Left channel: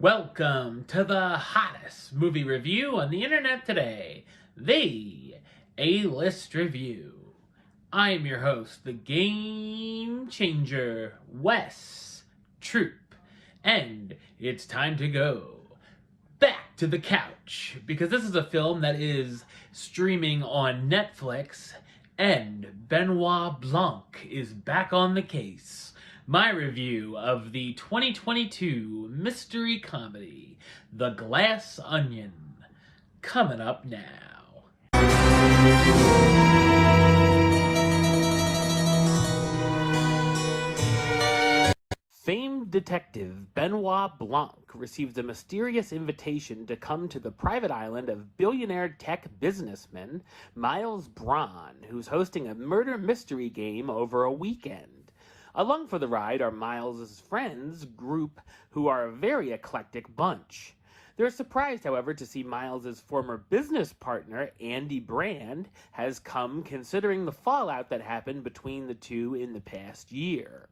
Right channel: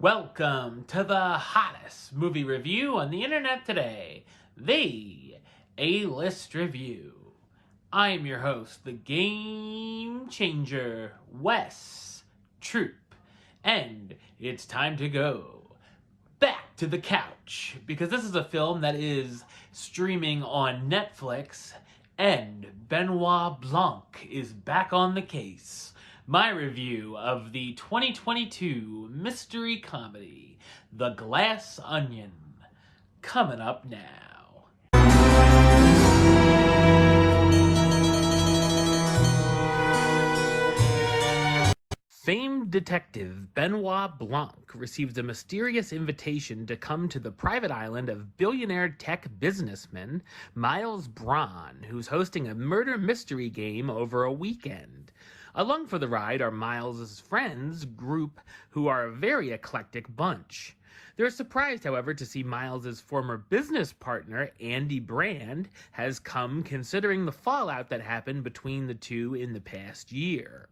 Welcome to the hottest movie review on the internet today, the A-List Review. I am your host, the Game Changer, Wes Troop, and it's time to go back to the couch, because this is a film that is streaming on Netflix, and Benoit Blanc is back on the case. My review of the 2022 mystery comedy, The Glass Onion, coming up now. Famed detective Benoit Blanc receives a mysterious invitation to come to the private island of billionaire tech businessman Miles Braun, who's hosting a murder mystery game over a weekend. Along for the ride are Miles' friends group, who are a very eclectic bunch. They're surprised, however, to see Miles' former business partner, Andy Brand, has come, considering the fallout that happened between the two in the past year.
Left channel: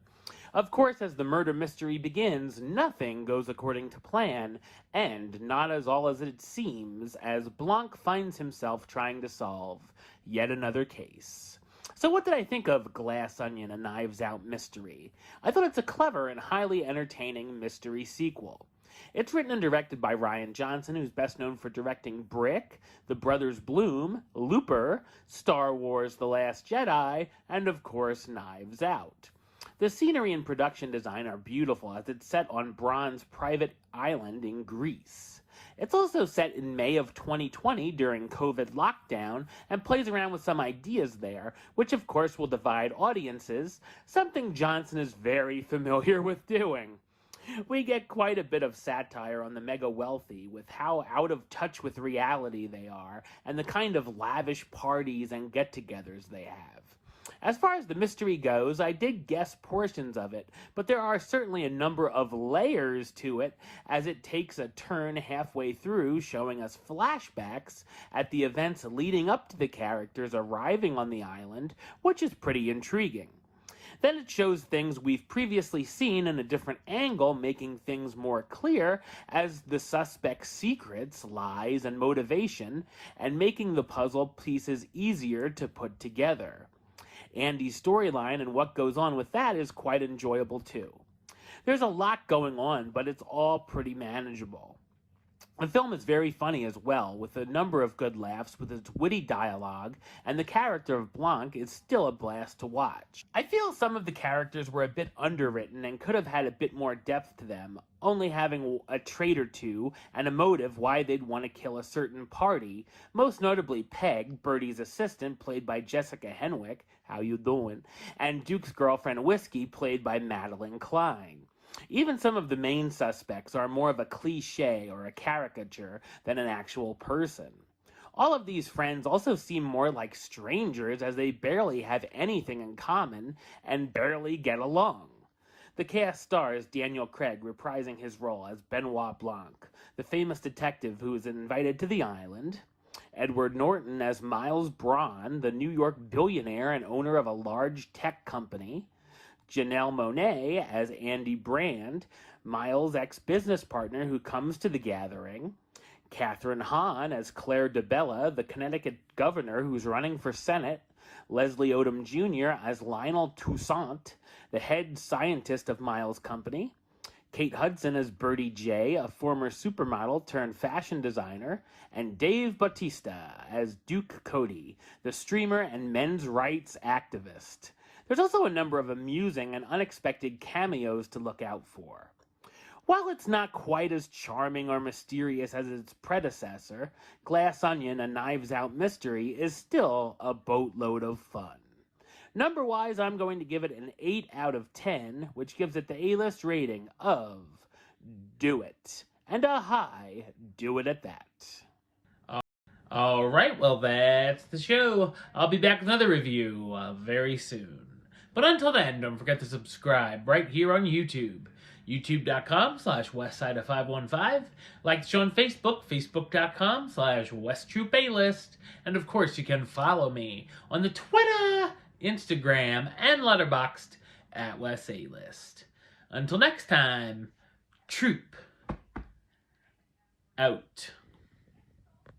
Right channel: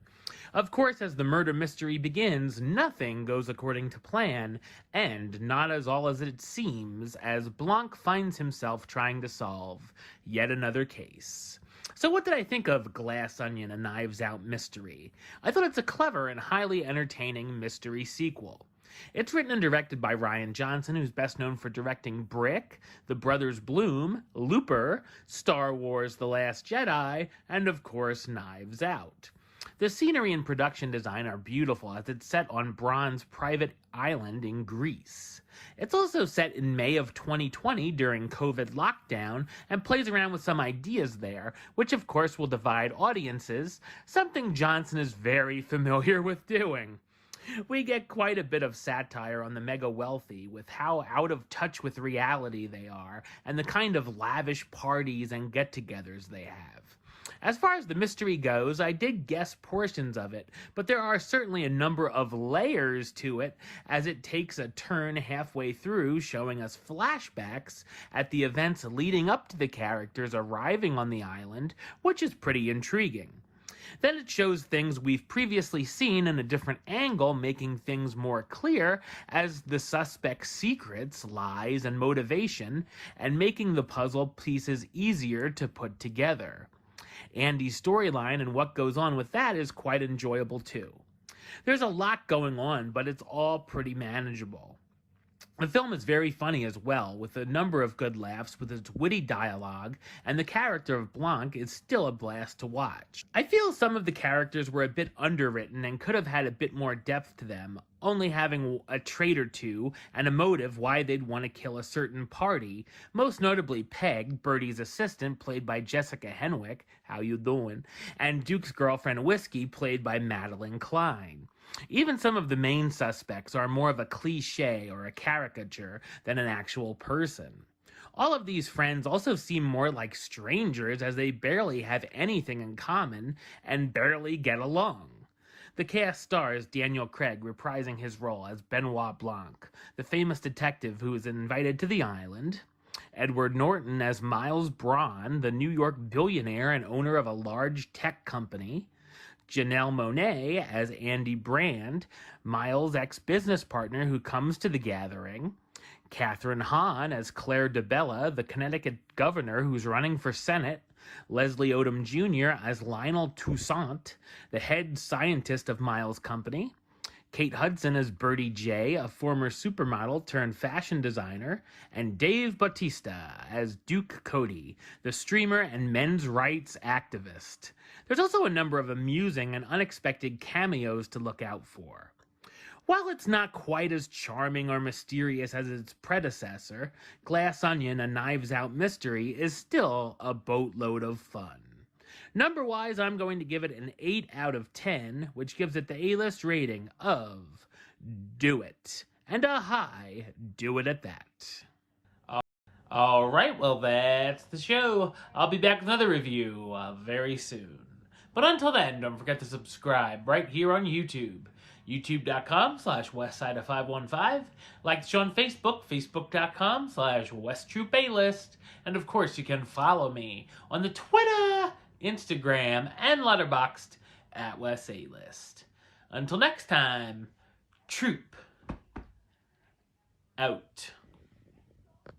Of course, as the murder mystery begins, nothing goes according to plan, and not as all as it seems, as Blanc finds himself trying to solve yet another case. So what did I think of Glass Onion, a Knives Out mystery? I thought it's a clever and highly entertaining mystery sequel. It's written and directed by Rian Johnson, who's best known for directing Brick, The Brothers Bloom, Looper, Star Wars The Last Jedi, and of course Knives Out. The scenery and production design are beautiful, as it's set on Braun's private island in Greece. It's also set in May of 2020 during COVID lockdown, and plays around with some ideas there, which of course will divide audiences, something Johnson is very familiar with doing. We get quite a bit of satire on the mega wealthy, with how out of touch with reality they are, and the kind of lavish parties and get-togethers they have. As far as the mystery goes, I did guess portions of it, but there are certainly a number of layers to it, as it takes a turn halfway through, showing us flashbacks at the events leading up to the characters arriving on the island, which is pretty intriguing. Then it shows things we've previously seen in a different angle, making things more clear as the suspect's secrets, lies, and motivation, and making the puzzle pieces easier to put together. Andy's storyline and what goes on with that is quite enjoyable too. There's a lot going on, but it's all pretty manageable. The film is very funny as well, with a number of good laughs with its witty dialogue, and the character of Blanc is still a blast to watch. I feel some of the characters were a bit underwritten and could have had a bit more depth to them, only having a trait or two and a motive why they'd want to kill a certain party, most notably Peg, Bertie's assistant, played by Jessica Henwick, how you doing, and Duke's girlfriend Whiskey, played by Madeline Klein. Even some of the main suspects are more of a cliche or a caricature than an actual person. All of these friends also seem more like strangers, as they barely have anything in common and barely get along. The cast stars Daniel Craig reprising his role as Benoit Blanc, the famous detective who is invited to the island, Edward Norton as Miles Braun, the New York billionaire and owner of a large tech company, Janelle Monáe as Andy Brand, Miles' ex-business partner who comes to the gathering, Kathryn Hahn as Claire DeBella, the Connecticut governor who's running for Senate, Leslie Odom Jr. as Lionel Toussaint, the head scientist of Miles' company, Kate Hudson as Bertie J., a former supermodel turned fashion designer, and Dave Bautista as Duke Cody, the streamer and men's rights activist. There's also a number of amusing and unexpected cameos to look out for. While it's not quite as charming or mysterious as its predecessor, Glass Onion, a Knives Out mystery, is still a boatload of fun. Number-wise, I'm going to give it an 8 out of 10, which gives it the A-list rating of Do It. And a high Do It at that. Alright, well that's the show. I'll be back with another review very soon. But until then, don't forget to subscribe right here on YouTube. YouTube.com/Westside515. Like the show on Facebook, Facebook.com/WestTroopAlist. And of course, you can follow me on the Twitter, Instagram, and Letterboxd at WesAlist. Until next time, Troop out.